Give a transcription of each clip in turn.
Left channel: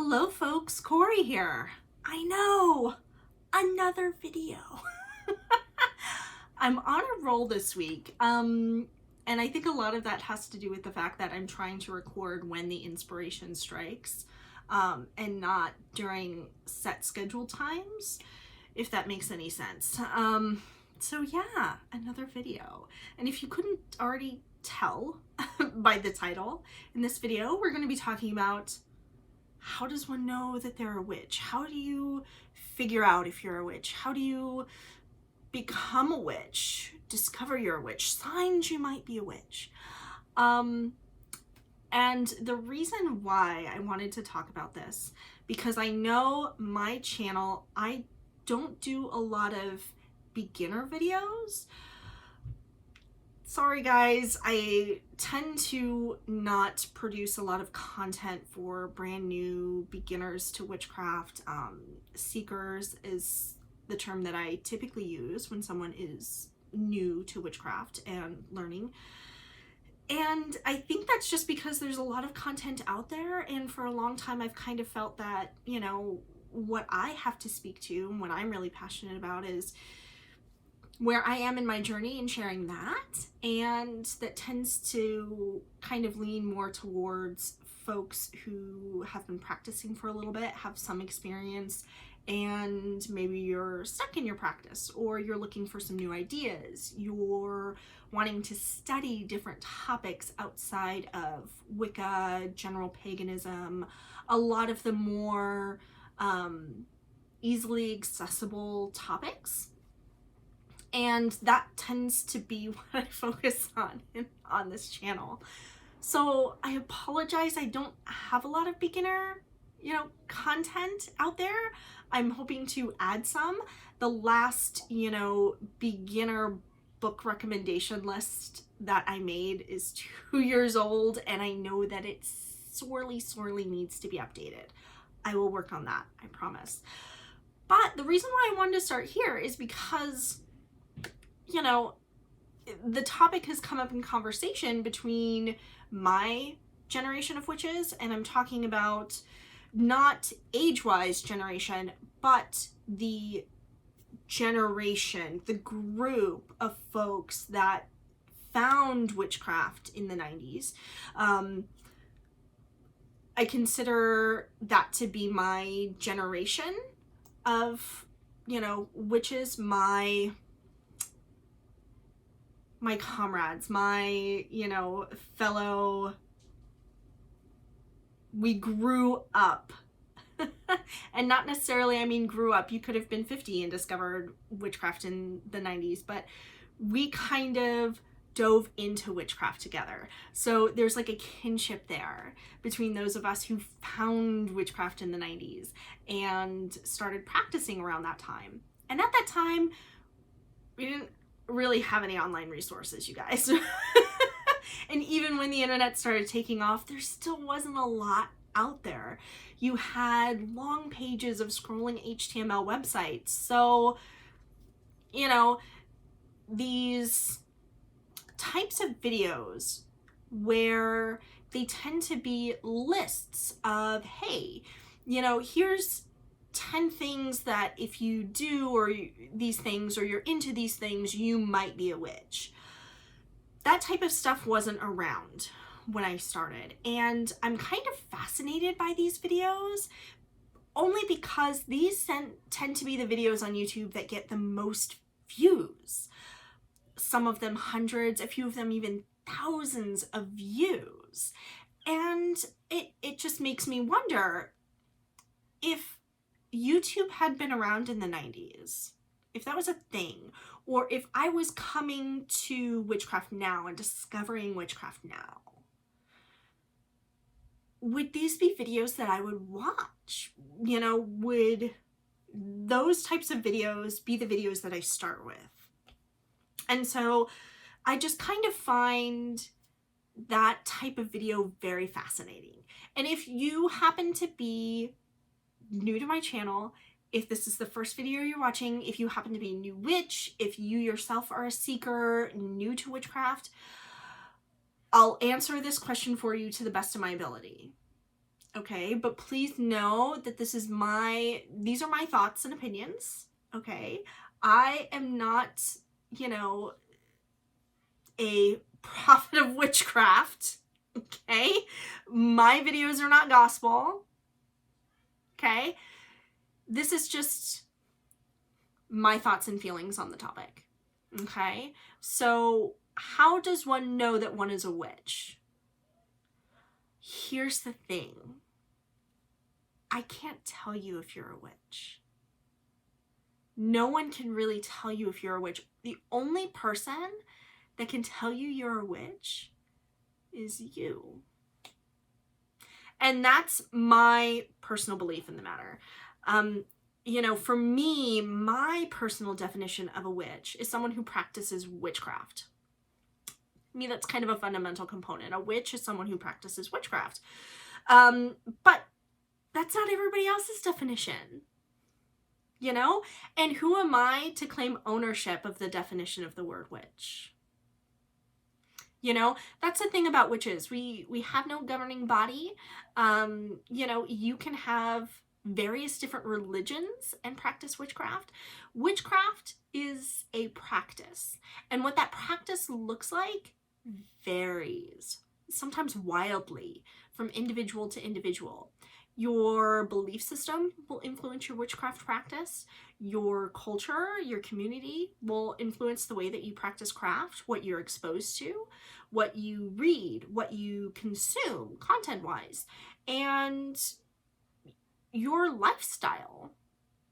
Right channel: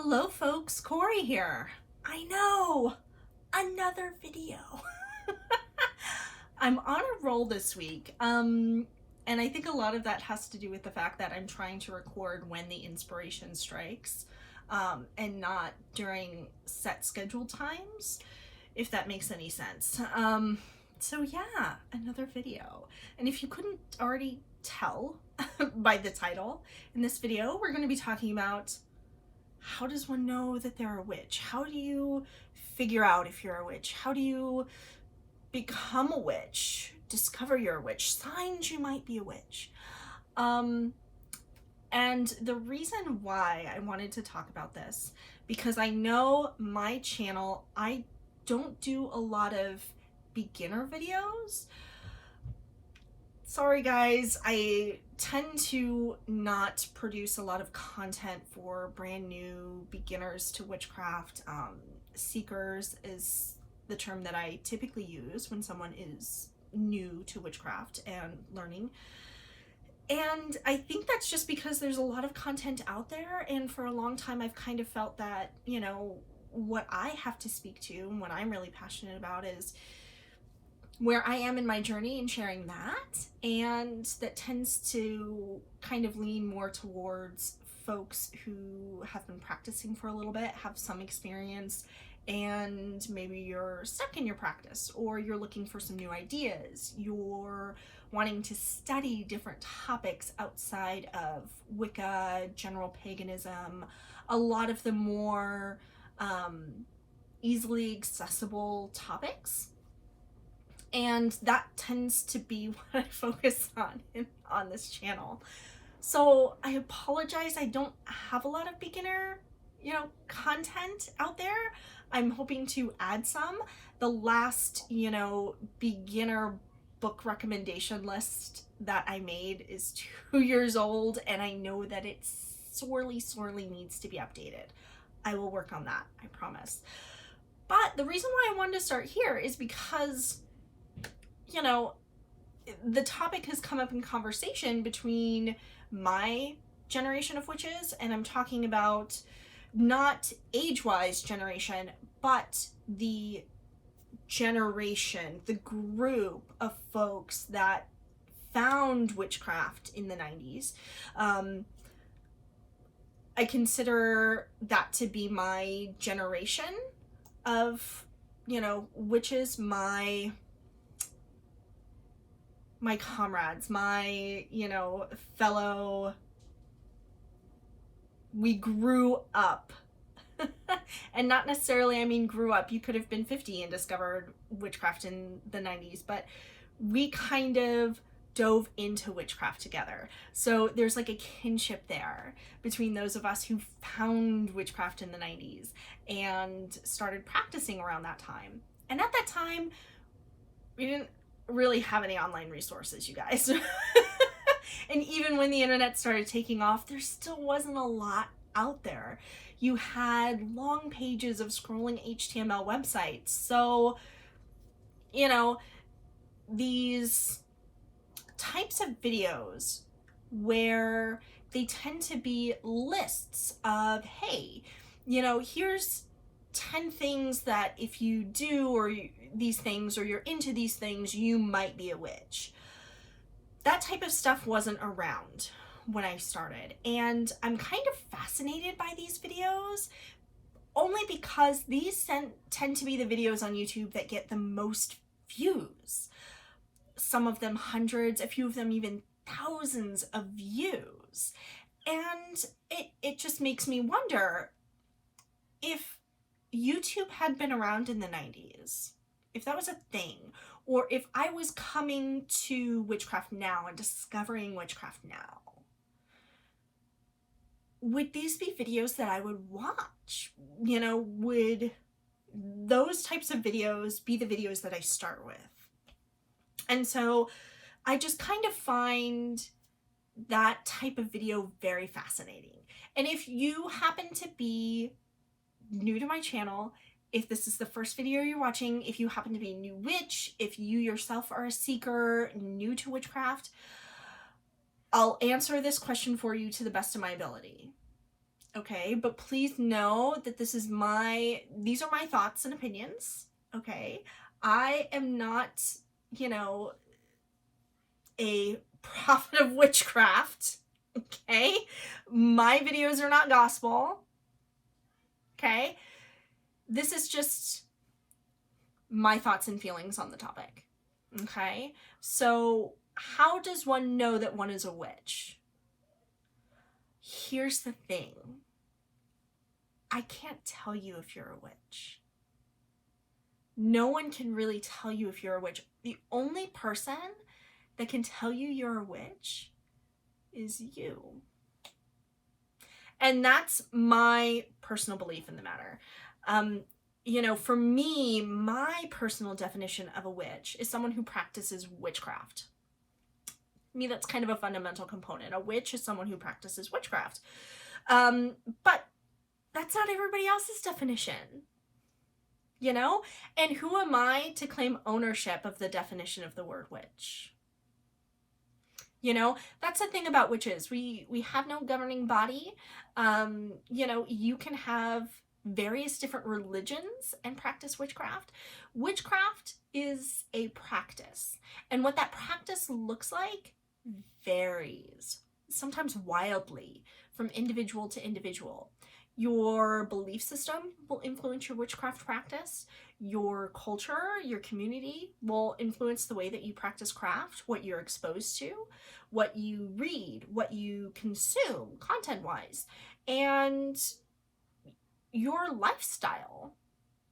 Hello folks, Corey here. I know, another video. I'm on a roll this week, and I think a lot of that has to do with the fact that I'm trying to record when the inspiration strikes, and not during set scheduled times, if that makes any sense. So yeah, another video. And if you couldn't already tell by the title, in this video we're going to be talking about how does one know that they're a witch? How do you figure out if you're a witch? How do you become a witch? Discover you're a witch? Signs you might be a witch. And the reason why I wanted to talk about this, because I know my channel, I don't do a lot of beginner videos. Sorry guys, I tend to not produce a lot of content for brand new beginners to witchcraft. Seekers is the term that I typically use when someone is new to witchcraft and learning. And I think that's just because there's a lot of content out there, and for a long time I've kind of felt that, you know, what I have to speak to and what I'm really passionate about is where I am in my journey and sharing that, and that tends to kind of lean more towards folks who have been practicing for a little bit, have some experience, and maybe you're stuck in your practice, or you're looking for some new ideas, you're wanting to study different topics outside of Wicca, general paganism, a lot of the more easily accessible topics. And that tends to be what I focus on this channel. So I apologize, I don't have a lot of beginner, content out there. I'm hoping to add some. The last, beginner book recommendation list that I made is 2 years old, and I know that it sorely needs to be updated. I will work on that, I promise. But the reason why I wanted to start here is because the topic has come up in conversation between my generation of witches, and I'm talking about not age-wise generation, but the generation, the group of folks that found witchcraft in the 90s. I consider that to be my generation of, witches, my comrades, my, fellow, we grew up. And not necessarily, I mean, grew up, you could have been 50 and discovered witchcraft in the 90s, but we kind of dove into witchcraft together. So there's like a kinship there between those of us who found witchcraft in the 90s and started practicing around that time. And at that time, we didn't really have any online resources, you guys. And even when the internet started taking off, there still wasn't a lot out there. You had long pages of scrolling HTML websites. So, these types of videos where they tend to be lists of, hey, here's 10 things that if you do or these things, or you're into these things, you might be a witch. That type of stuff wasn't around when I started, and I'm kind of fascinated by these videos only because these tend to be the videos on YouTube that get the most views. Some of them hundreds, a few of them even thousands of views. And it just makes me wonder, if YouTube had been around in the 90s, if that was a thing, or if I was coming to witchcraft now and discovering witchcraft now, would these be videos that I would watch? Would those types of videos be the videos that I start with? And so I just kind of find that type of video very fascinating. And if you happen to be new to my channel, if this is the first video you're watching, if you happen to be a new witch, if you yourself are a seeker, new to witchcraft, I'll answer this question for you to the best of my ability. okay? But please know that these are my thoughts and opinions, okay? I am not, you know, a prophet of witchcraft, okay? My videos are not gospel, okay? This is just my thoughts and feelings on the topic, okay? So how does one know that one is a witch? Here's the thing. I can't tell you if you're a witch. No one can really tell you if you're a witch. The only person that can tell you you're a witch is you. And that's my personal belief in the matter. You know, for me, my personal definition of a witch is someone who practices witchcraft. To me, that's kind of a fundamental component. A witch is someone who practices witchcraft. But that's not everybody else's definition, you know? And who am I to claim ownership of the definition of the word witch? You know, that's the thing about witches. We have no governing body. You know, you can have various different religions and practice witchcraft. Witchcraft is a practice. And what that practice looks like varies, sometimes wildly, from individual to individual. Your belief system will influence your witchcraft practice. Your culture, your community will influence the way that you practice craft, what you're exposed to, what you read, what you consume content-wise. And your lifestyle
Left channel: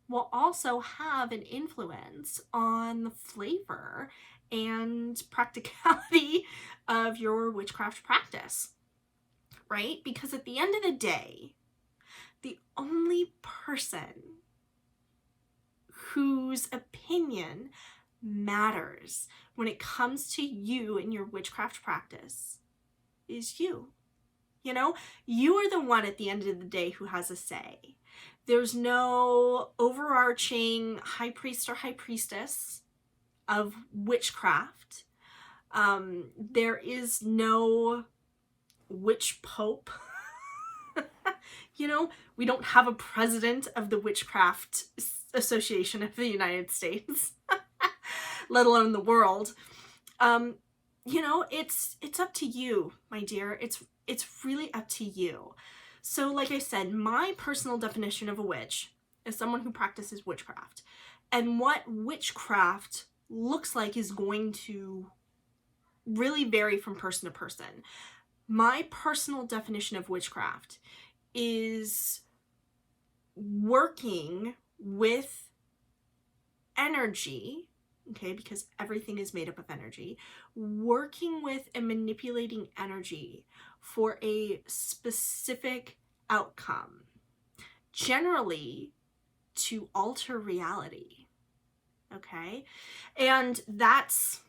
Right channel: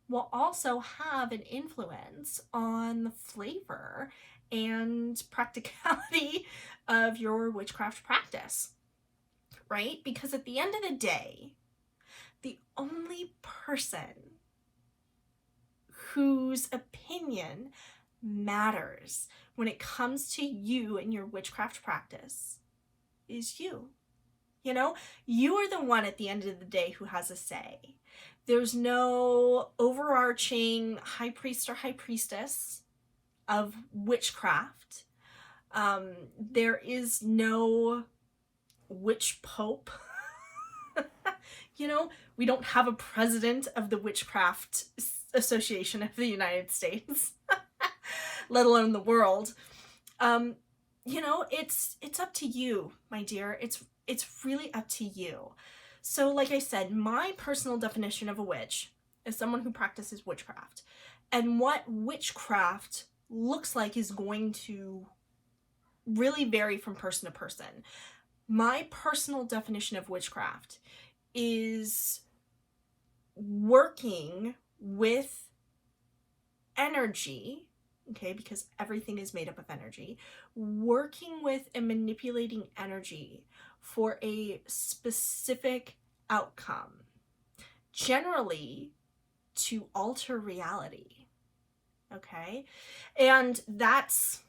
will also have an influence on the flavor and practicality of your witchcraft practice, right? Because at the end of the day, the only person whose opinion matters when it comes to you and your witchcraft practice is you. You know, you are the one at the end of the day who has a say. There's no overarching high priest or high priestess of witchcraft. There is no witch pope. You know, we don't have a president of the Witchcraft Association of the United States, let alone the world. You know, it's up to you, my dear. It's really up to you. So like I said, my personal definition of a witch is someone who practices witchcraft. And what witchcraft looks like is going to really vary from person to person. My personal definition of witchcraft is working with energy, okay, because everything is made up of energy, working with and manipulating energy for a specific outcome, generally to alter reality, okay? And that's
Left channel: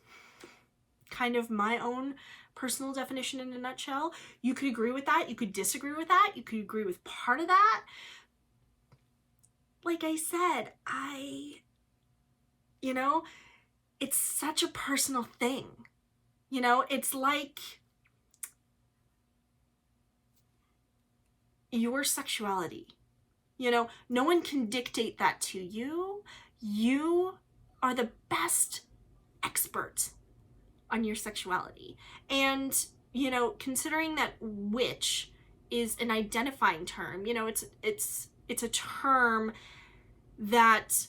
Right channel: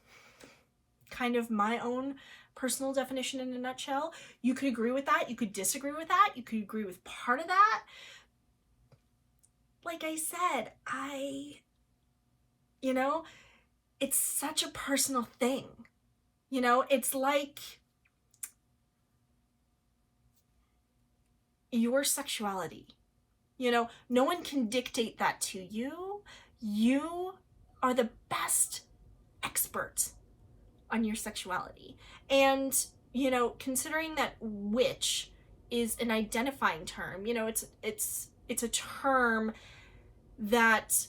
kind of my own personal definition in a nutshell. You could agree with that, you could disagree with that, you could agree with part of that. Like I said, you know, it's such a personal thing. You know, it's like your sexuality. You know, no one can dictate that to you. You are the best expert on your sexuality. And, you know, considering that witch is an identifying term, you know, it's a term that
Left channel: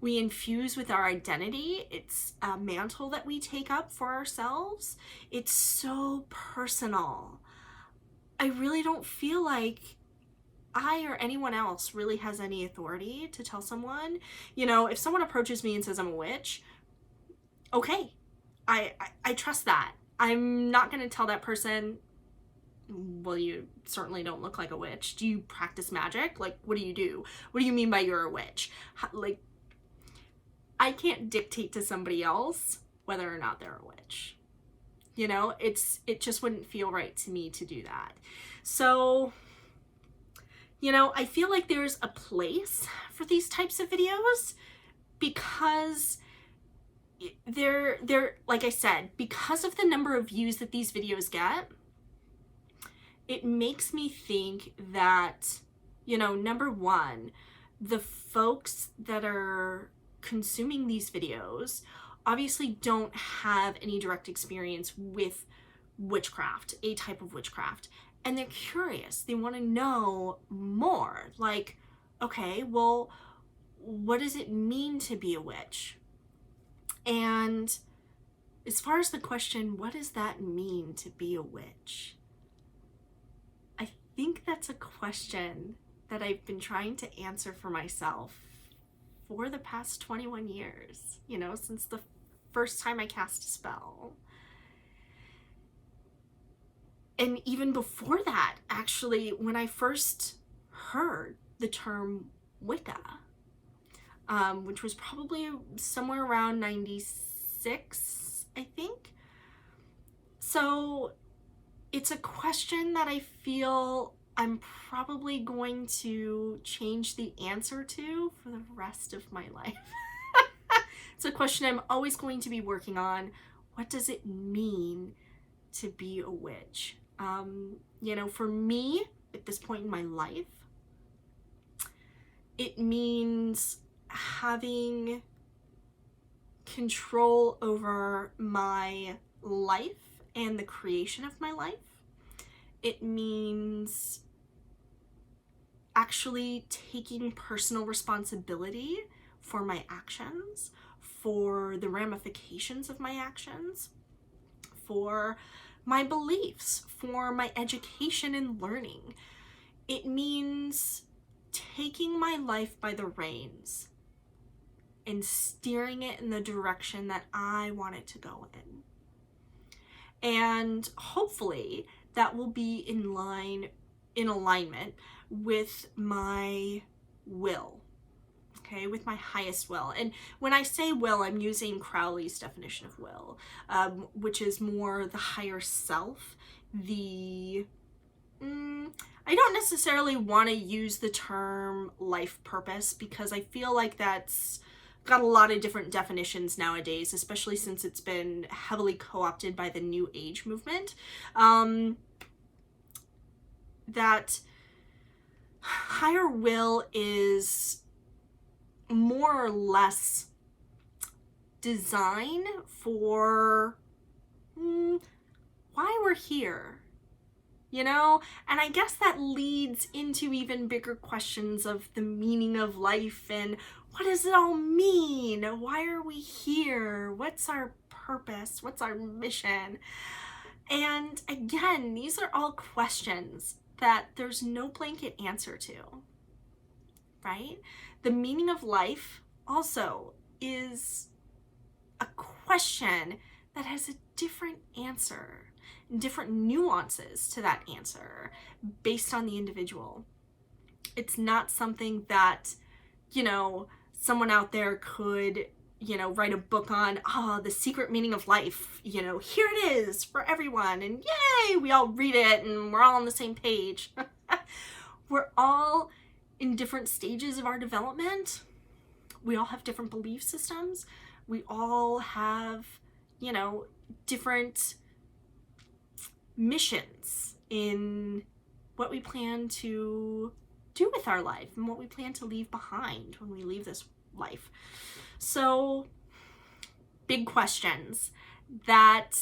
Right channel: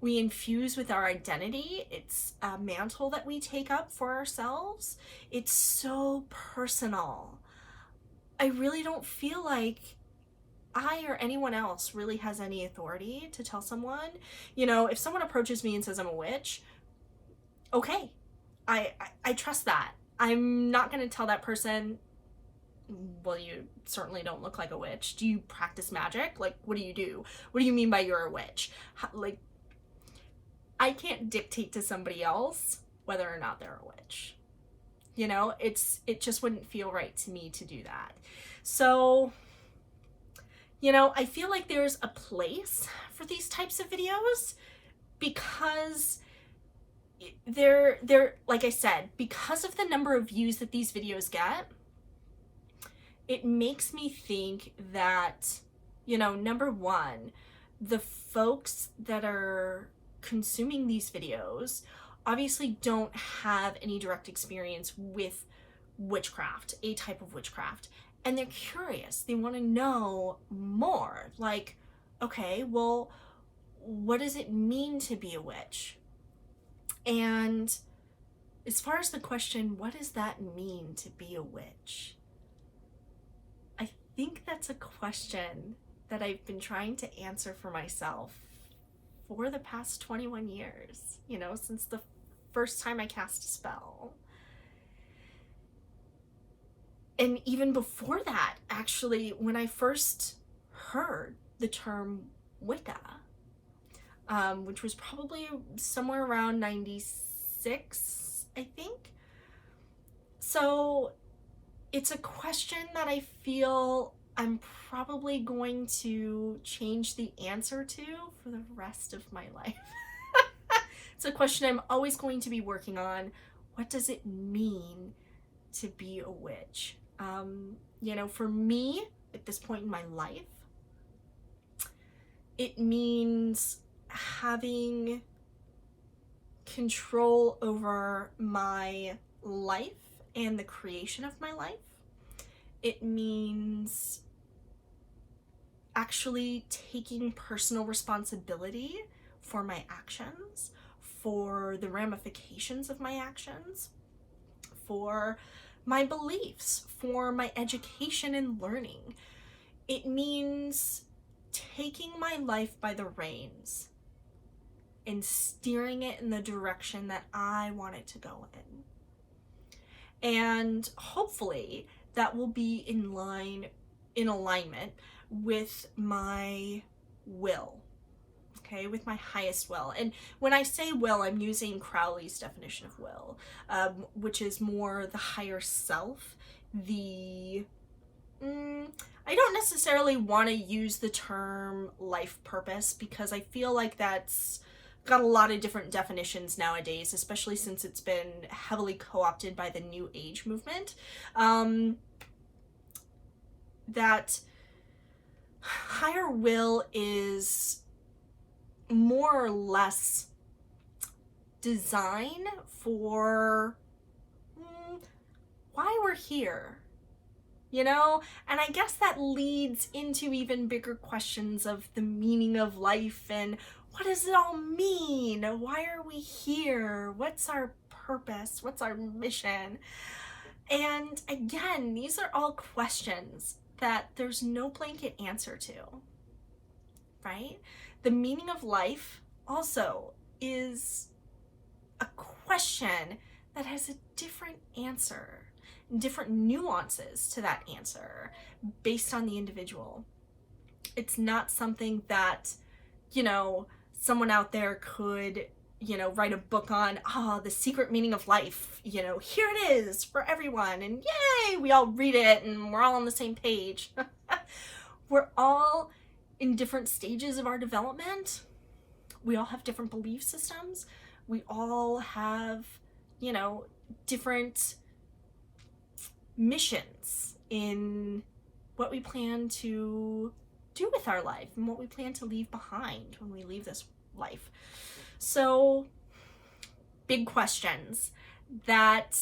we infuse with our identity. It's a mantle that we take up for ourselves. It's so personal. I really don't feel like I or anyone else really has any authority to tell someone. You know, if someone approaches me and says I'm a witch, okay, I trust that. I'm not going to tell that person, well, you certainly don't look like a witch. Do you practice magic? Like, what do you do? What do you mean by you're a witch? Like, I can't dictate to somebody else whether or not they're a witch. You know, it just wouldn't feel right to me to do that. So, you know, I feel like there's a place for these types of videos because they're like I said, because of the number of views that these videos get, it makes me think that, you know, number one, the folks that are consuming these videos obviously don't have any direct experience with witchcraft, a type of witchcraft, and they're curious. They want to know more. Like, okay, well, what does it mean to be a witch? And as far as the question, what does that mean to be a witch? I think that's a question that I've been trying to answer for myself for the past 21 years, you know, since the first time I cast a spell. And even before that, actually, when I first heard the term Wicca, which was probably somewhere around 96, I think. So it's a question that I feel I'm probably going to change the answer to for the rest of my life. It's a question I'm always going to be working on. What does it mean to be a witch? You know, for me, at this point in my life, it means having control over my life and the creation of my life. It means actually taking personal responsibility for my actions, for the ramifications of my actions, for my beliefs, for my education and learning. It means taking my life by the reins and steering it in the direction that I want it to go in. And hopefully that will be in alignment with my will, okay, with my highest will. And when I say will, I'm using Crowley's definition of will, which is more the higher self, I don't necessarily want to use the term life purpose because I feel like that's got a lot of different definitions nowadays, especially since it's been heavily co-opted by the New Age movement. That higher will is more or less design for why we're here, you know? And I guess that leads into even bigger questions of the meaning of life and what does it all mean? Why are we here? What's our purpose? What's our mission? And again, these are all questions that there's no blanket answer to, right? The meaning of life also is a question that has a different answer, different nuances to that answer based on the individual. It's not something that, you know, someone out there could, you know, write a book on, the secret meaning of life, you know, here it is for everyone, and yay, we all read it and we're all on the same page. We're all in different stages of our development. We all have different belief systems. We all have, you know, different missions in what we plan to do with our life and what we plan to leave behind when we leave this life. So, big questions that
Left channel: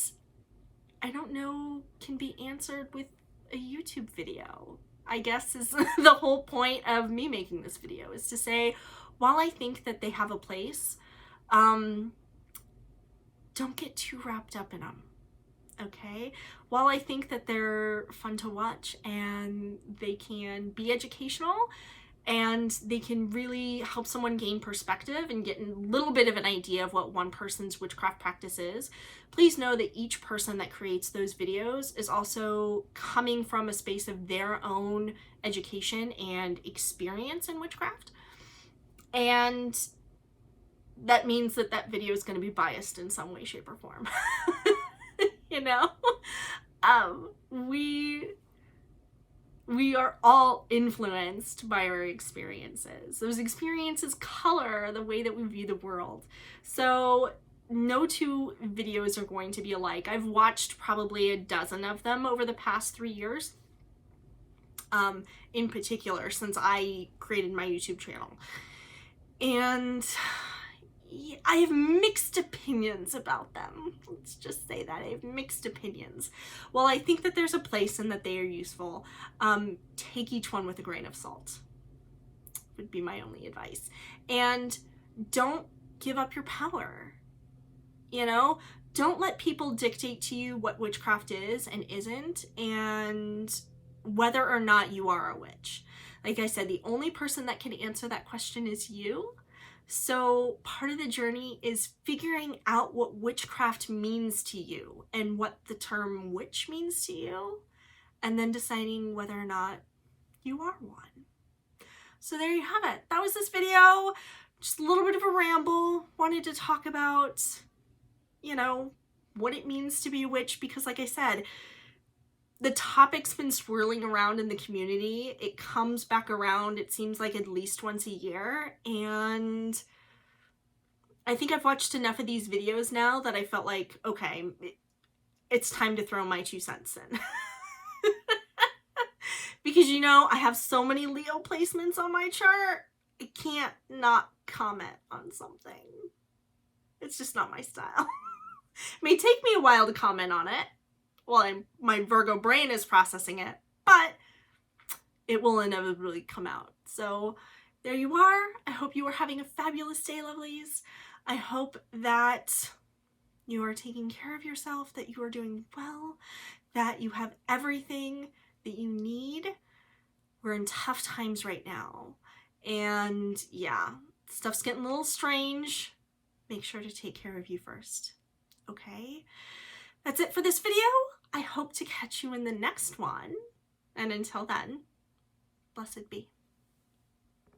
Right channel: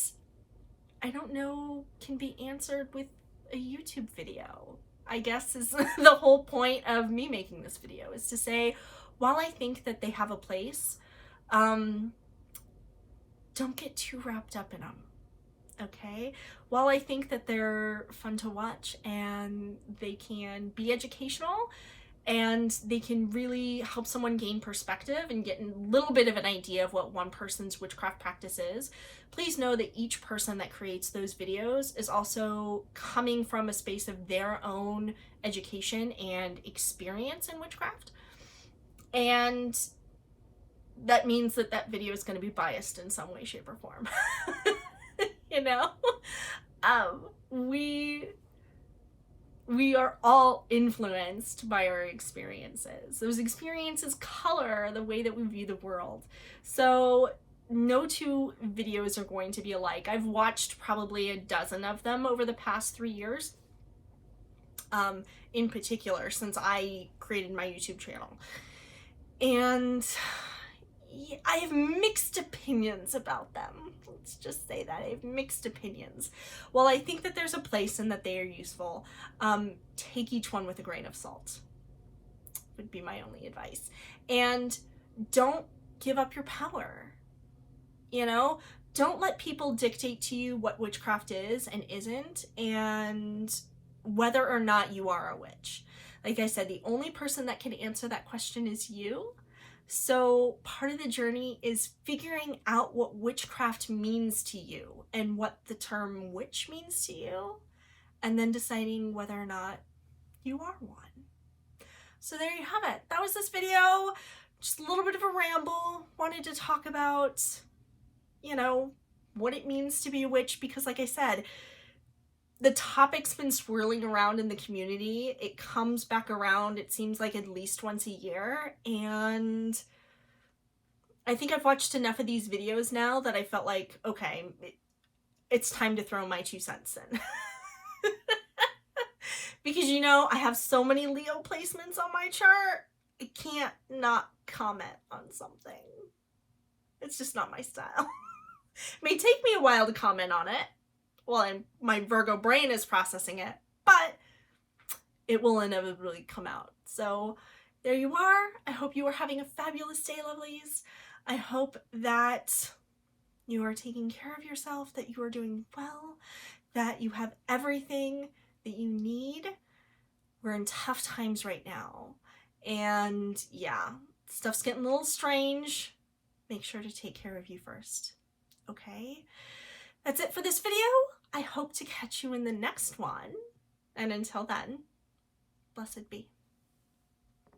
I don't know can be answered with a YouTube video, I guess is the whole point of me making this video, is to say, while I think that they have a place, don't get too wrapped up in them, okay? While I think that they're fun to watch and they can be educational and they can really help someone gain perspective and get a little bit of an idea of what one person's witchcraft practice is, please know that each person that creates those videos is also coming from a space of their own education and experience in witchcraft. And that means that that video is going to be biased in some way, shape, or form. You know? We are all influenced by our experiences. Those experiences color the way that we view the world. So no two videos are going to be alike. I've watched probably a dozen of them over the past 3 years. in particular, since I created my YouTube channel. And I have mixed opinions about them. Let's just say that. I have mixed opinions. While I think that there's a place and that they are useful, take each one with a grain of salt, would be my only advice. And don't give up your power. You know, don't let people dictate to you what witchcraft is and isn't, and whether or not you are a witch. Like I said, the only person that can answer that question is you. So part of the journey is figuring out what witchcraft means to you and what the term witch means to you, and then deciding whether or not you are one. So there you have it. That was this video. Just a little bit of a ramble. Wanted to talk about, you know, what it means to be a witch, because like I said, the topic's been swirling around in the community. It comes back around, it seems like, at least once a year, and I think I've watched enough of these videos now that I felt like, okay, it's time to throw my 2 cents in. Because, you know, I have so many Leo placements on my chart, I can't not comment on something. It's just not my style. It may take me a while to comment on it. Well, my Virgo brain is processing it, but it will inevitably come out. So there you are. I hope you are having a fabulous day, lovelies. I hope that you are taking care of yourself, that you are doing well, that you have everything that you need. We're in tough times right now. And yeah, stuff's getting a little strange. Make sure to take care of you first. Okay? That's it for this video. I hope to catch you in the next one. And until then, blessed be.